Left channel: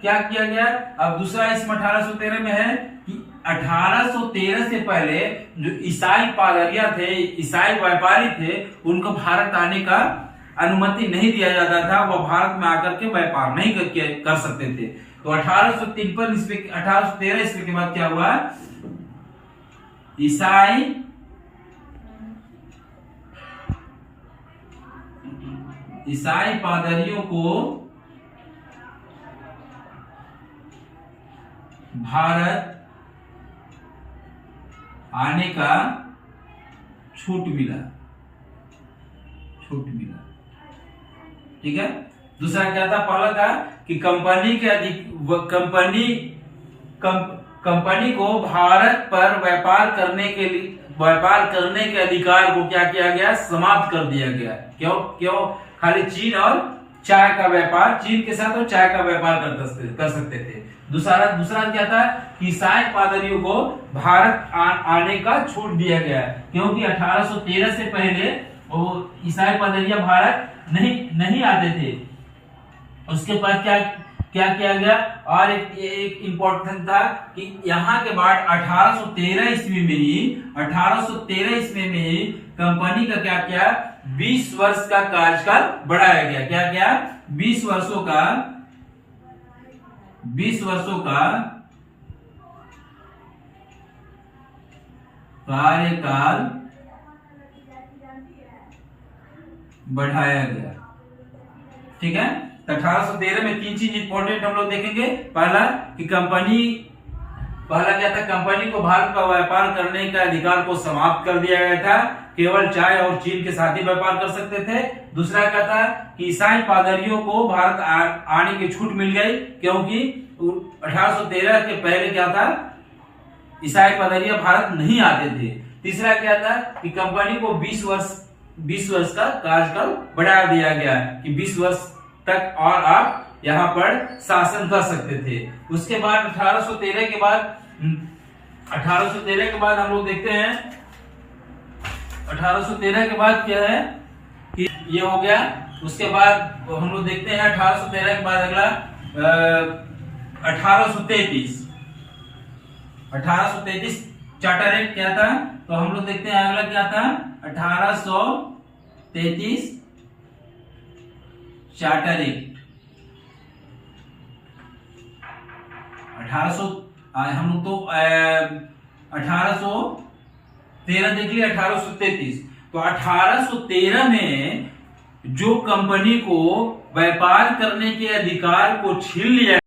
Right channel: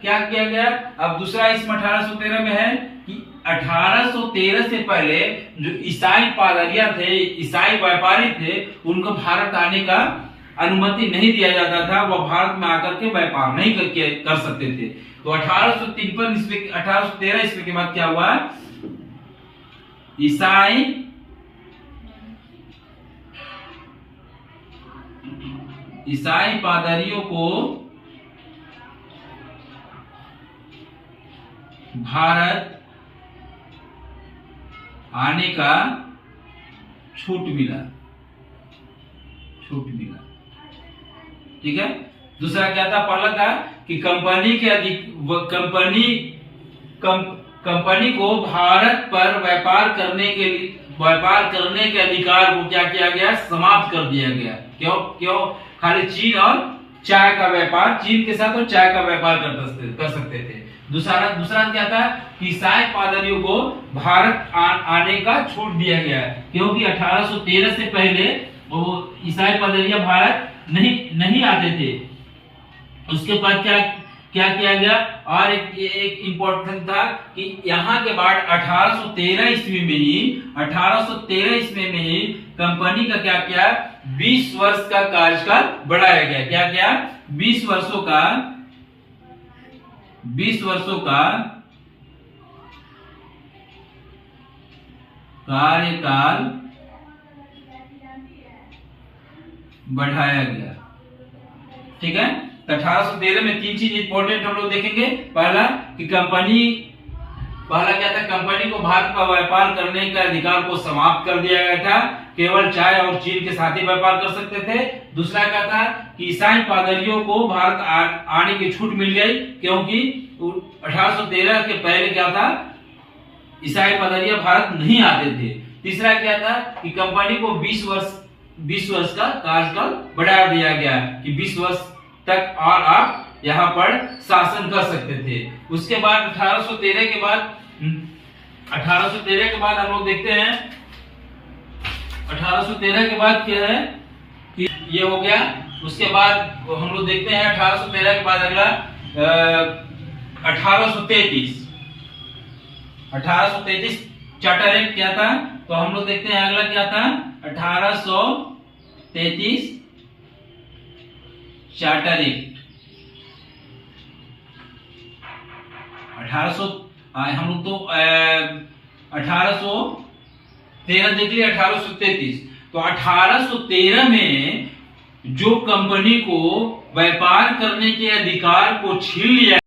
क्या किया गया? अब दूसरा इसमें 1813 में है कि 1813 से पहले जो ईसाई पादरिया थे, ईसाई व्यापारी थे, उनको भारत आने का अनुमति नहीं दिया जाता था। वह भारत में आकर के व्यापार नहीं कर सकते थे। तो 1853 ईस्वी 1813 ईस्वी के बाद क्या हुआ? ईसाई पादरियों को भारत आने का छूट मिला। ठीक है। दूसरा क्या था? पहला था कि कंपनी को भारत पर व्यापार करने के अधिकार को क्या किया गया? समाप्त कर दिया गया। क्यों? खाली चीन और चाय का व्यापार, चीन के साथ और चाय का व्यापार कर सकते थे। दूसरा क्या था? कि ईसाई पादरियों को भारत आने का छूट दिया गया, क्योंकि 1813 से पहले वो ईसाई पादरिया भारत नहीं आते थे। उसके बाद क्या किया गया? और एक इम्पोर्टेंट था कि यहाँ के बाद 1813 ईस्वी में ही कंपनी का क्या किया? 20 वर्ष का कार्यकाल बढ़ाया गया। क्या 20 वर्षों का कार्यकाल बढ़ाया गया। ठीक है। 1813 में 3 चीज इंपॉर्टेंट हम लोग देखेंगे। पहला क्या था? कंपनी को भारत पर व्यापार करने का अधिकार को समाप्त कर दिया गया था, केवल चाय और चीन के साथ ही व्यापार कर सकते थे। दूसरा क्या था? कि ईसाई पादरियों को भारत आने की छूट मिल गई, क्योंकि 1813 के पहले क्या था? ईसाई पादरिया भारत नहीं आते थे। तीसरा क्या था? कि कंपनी को 20 वर्ष का कार्यकाल बढ़ा दिया गया कि 20 वर्ष तक और आप यहाँ पर शासन कर सकते थे। उसके बाद 1813 के बाद हम लोग देखते हैं 1813 के बाद क्या है कि ये हो गया। उसके बाद हम लोग देखते हैं 1813 के बाद अगला 1833 चार्टर एक्ट क्या था? तो हम लोग देखते हैं अगला क्या था? 1833 चार्टर एक्ट। हम लोग तो 1813 देख लिया। 1833 तो 1813 में जो कंपनी को व्यापार करने के अधिकार को छीन लिया